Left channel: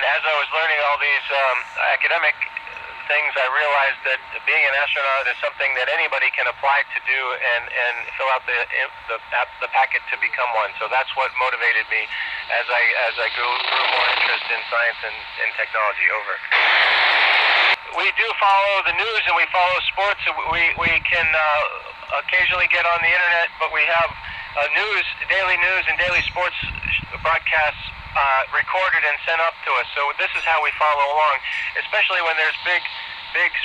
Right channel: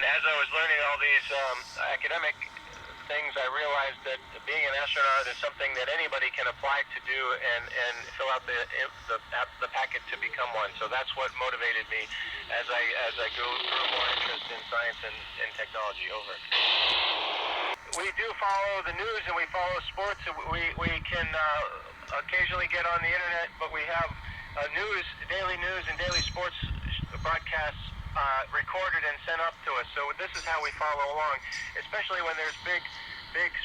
And as I was learning all these academic things, I realized that being an astronaut is something that anybody can apply to do and fill out the packet to become one. So that's what motivated me as I grew more interest in science and technology. Over. We do follow the news and we follow sports. We can occasionally get on the internet, but we have daily news and daily sports broadcasts recorded and sent up to us. So this is how we follow along, especially when there's big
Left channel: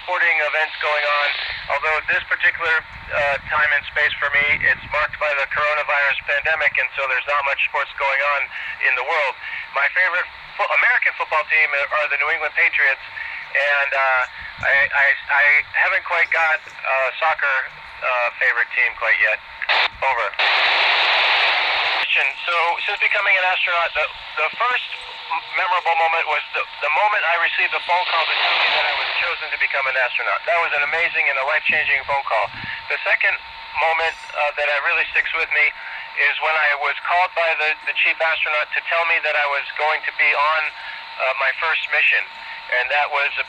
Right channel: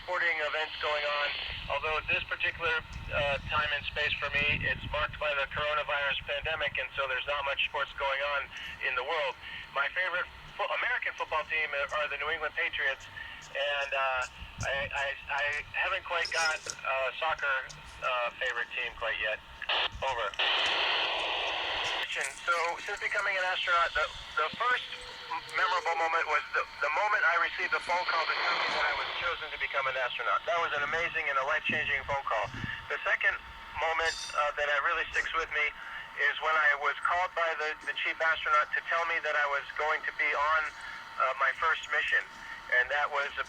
sporting events going on. Although this particular time and space for me, it's marked by the coronavirus pandemic, and so there's not much sports going on in the world. My favorite American football team are the New England Patriots, and I haven't quite got a soccer favorite team quite yet. Over. So since becoming an astronaut, the first memorable moment was the moment I received a phone call to tell me that I was chosen to become an astronaut. That was an amazing and a life-changing phone call. The second moment that really sticks with me is when I was called by the chief astronaut to tell me that I was going to be on my first mission. And that was a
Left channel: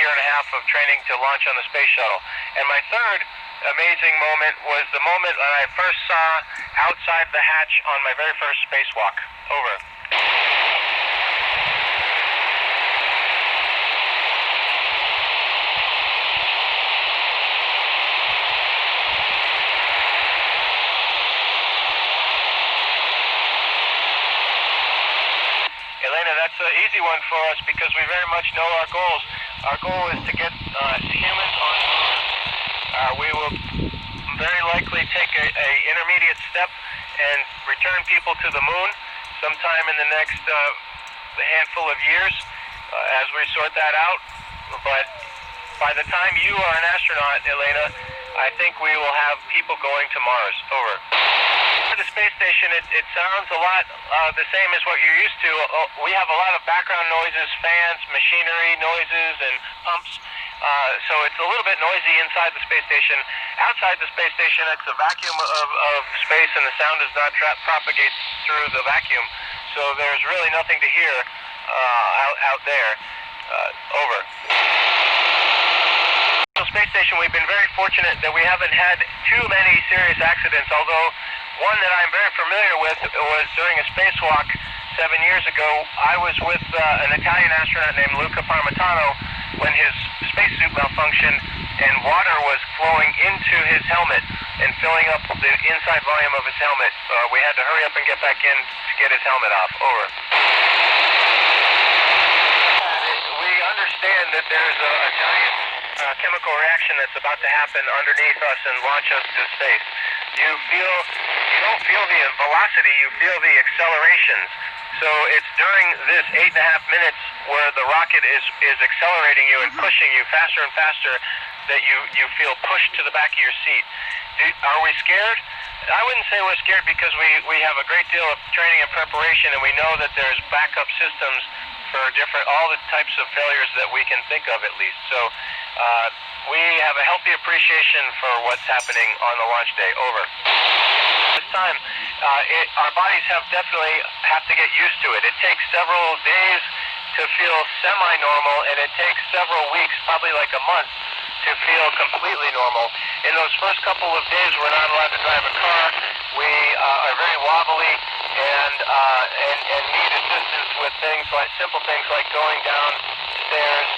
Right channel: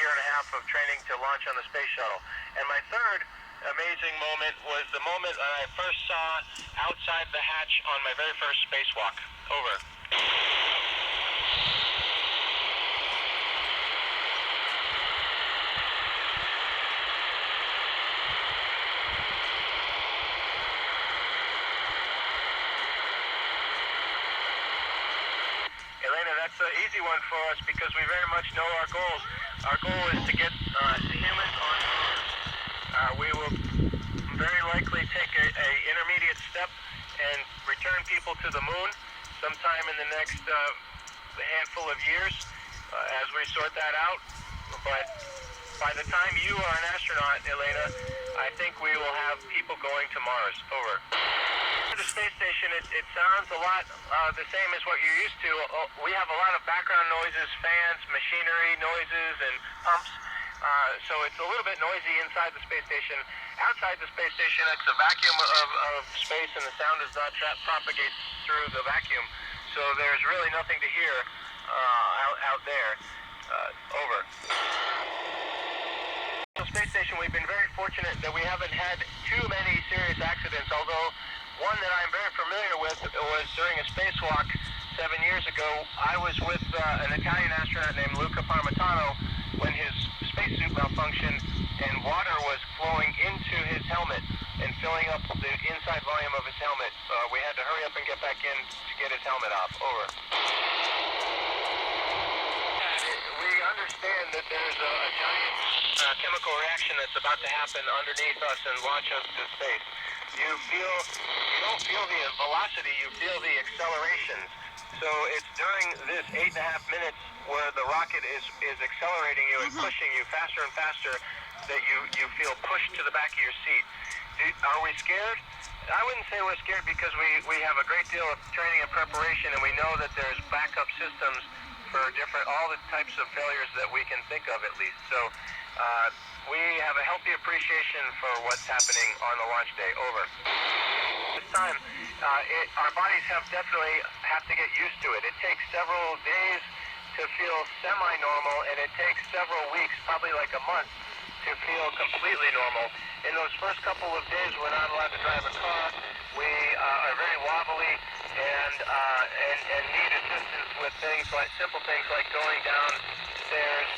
year and a half of training to launch on the space shuttle. And my third amazing moment was the moment when I first saw outside the hatch on my very first spacewalk. Over. Elena, that's an easy one for us because we very much know our goals. Our goal is to get humans on the moon. We will very likely take a intermediate step and return people to the moon sometime in the next handful of years as we sort that out. But by the time you are an astronaut, Elena, I think we will have people going to Mars. Over. The space station, it sounds a lot the same as what you're used to. We have a lot of background noises, fans, machinery noises, and pumps. So it's a little bit noisy inside the space station. Outside the space station, it's a vacuum of space, and the sound does not propagate through the vacuum. So there's really nothing to hear out there. Over. The space station, we've been very fortunate that we haven't had too many serious accidents, although one that I'm very familiar with was during a spacewalk 7 years ago. I was with an Italian astronaut named Luca Parmitano when his spacesuit malfunctioned and water was flowing into his helmet and filling up the inside volume of his helmet. We had to hurry up and get back in to get his helmet off. Over. We understand that there's a giant chemical reaction that's about to happen underneath us and launch us to space. You don't feel the velocity, you feel the accelerations. So it's during this 8.5 minutes where the rocket is accelerating you and pushing you faster and faster that you feel pushed to the back of your seat. Are we scared? I wouldn't say we're scared because we have a great deal of training and preparation, and we know that there's backup systems for all the types of failures that we can think of, at least. So we have a healthy appreciation for what's happening on the launch day. Over. This time, our bodies definitely have to get used to it. It takes several days to feel semi-normal, and it takes several weeks, probably like a month, to feel completely normal. In those first couple of days, we're not allowed to drive a car. We are very wobbly and need assistance with simple things like going downstairs.